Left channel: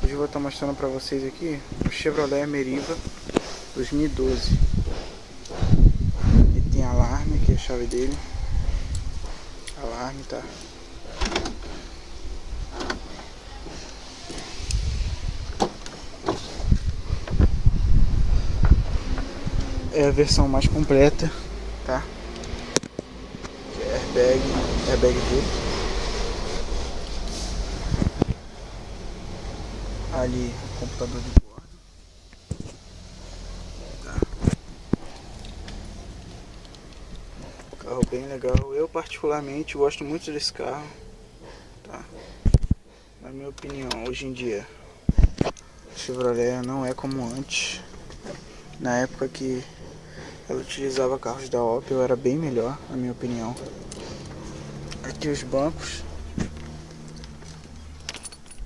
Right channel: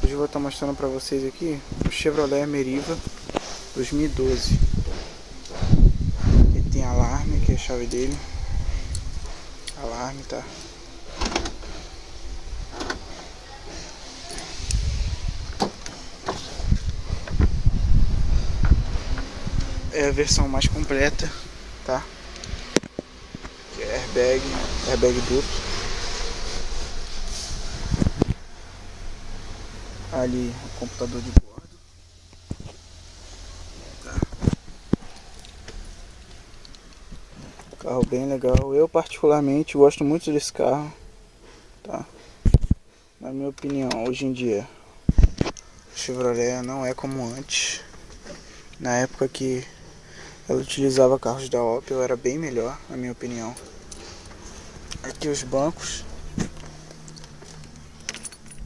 Hoje eu vou estar mostrando para vocês aqui o Chevrolet Meriva 2012. Ele tem alarme, aqui é a chave dele. Alarme, tá? É a versão mais completa, tá? Que é airbag duplo. Ali o computador de bordo, tá? Carro bem legal. Eu particularmente gosto muito desse carro, tá? Na minha opinião, hoje em dia o Chevrolet não é como antes. Na época que ela utilizava carros da Opel era bem melhor, na minha opinião. Aqui os bancos,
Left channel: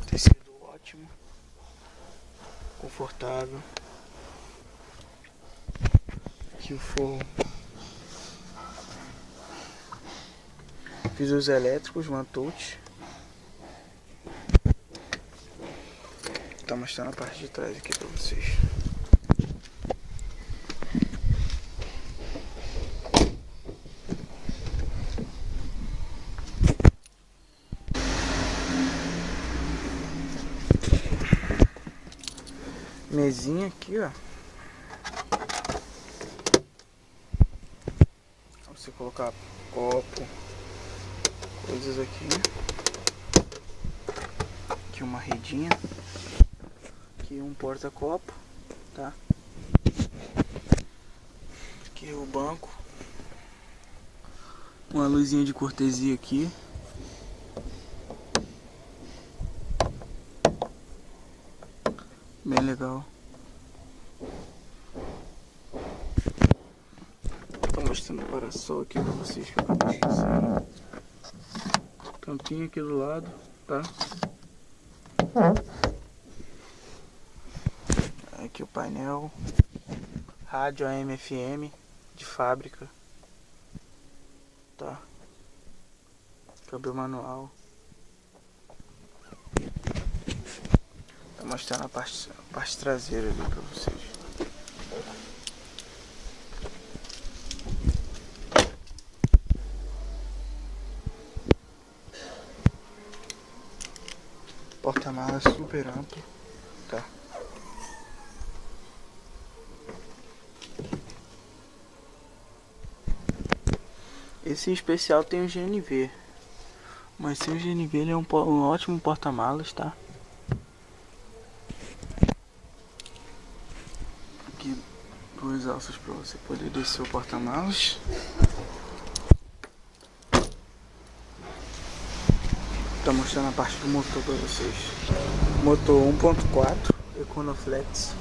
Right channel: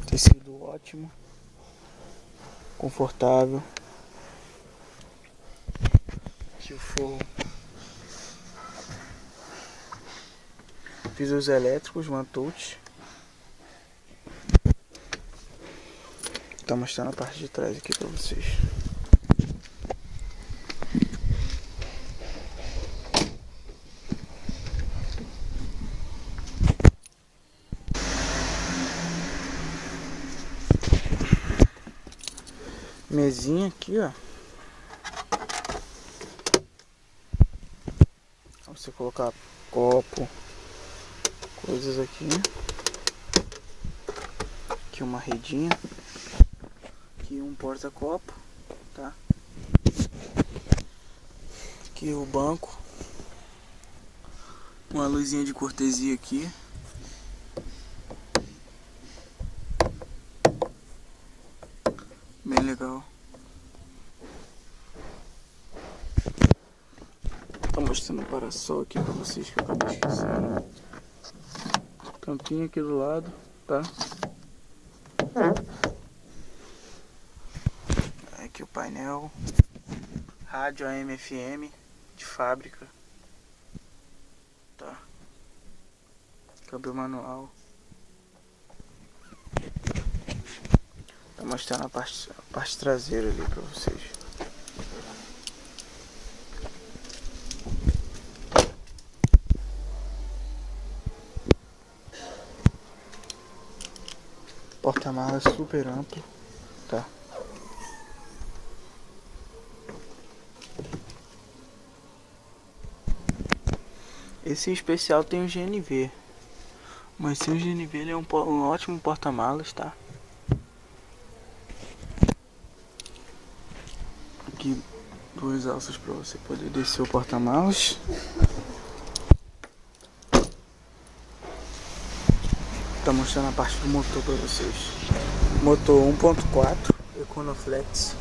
tecido ótimo, confortável. Aqui o forro, pisos elétricos, one touch. Tá mostrando a parte de trás aqui pra vocês. Mesinha aqui, ó. Pra você colocar copo, coisas aqui. Aqui uma redinha. Aqui um porta-copo, tá? Aqui o banco. Uma luzinha de cortesia aqui. Bem legal. Tô mostrando o para-sol aqui pra vocês que eu acabei esquecendo. Tampinha aqui do lado, tá? Aqui o painel. Rádio AM FM de fábrica, tá? Câmbio manual. Tá mostrando a parte traseira ali pra vocês. Porta-malas super amplo, tá? Esse em especial tem o GNV, mas sem o GNV ele é um ótimo porta-malas, tá? Aqui duas alças para você poder descer o porta-malas. Tá mostrando a parte do motor para vocês. Motor 1.4 Econoflex,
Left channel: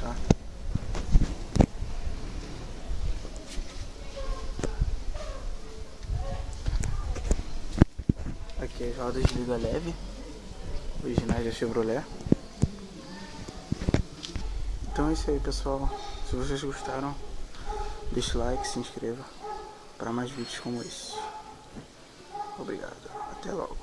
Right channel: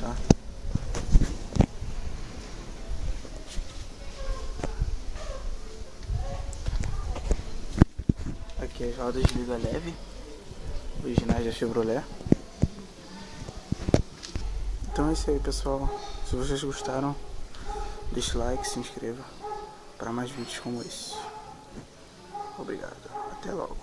tá? Aqui as rodas de liga leve, originais da Chevrolet. Então é isso aí, pessoal. Se vocês gostaram, deixe like, se inscreva para mais vídeos como esse. Obrigado, até logo.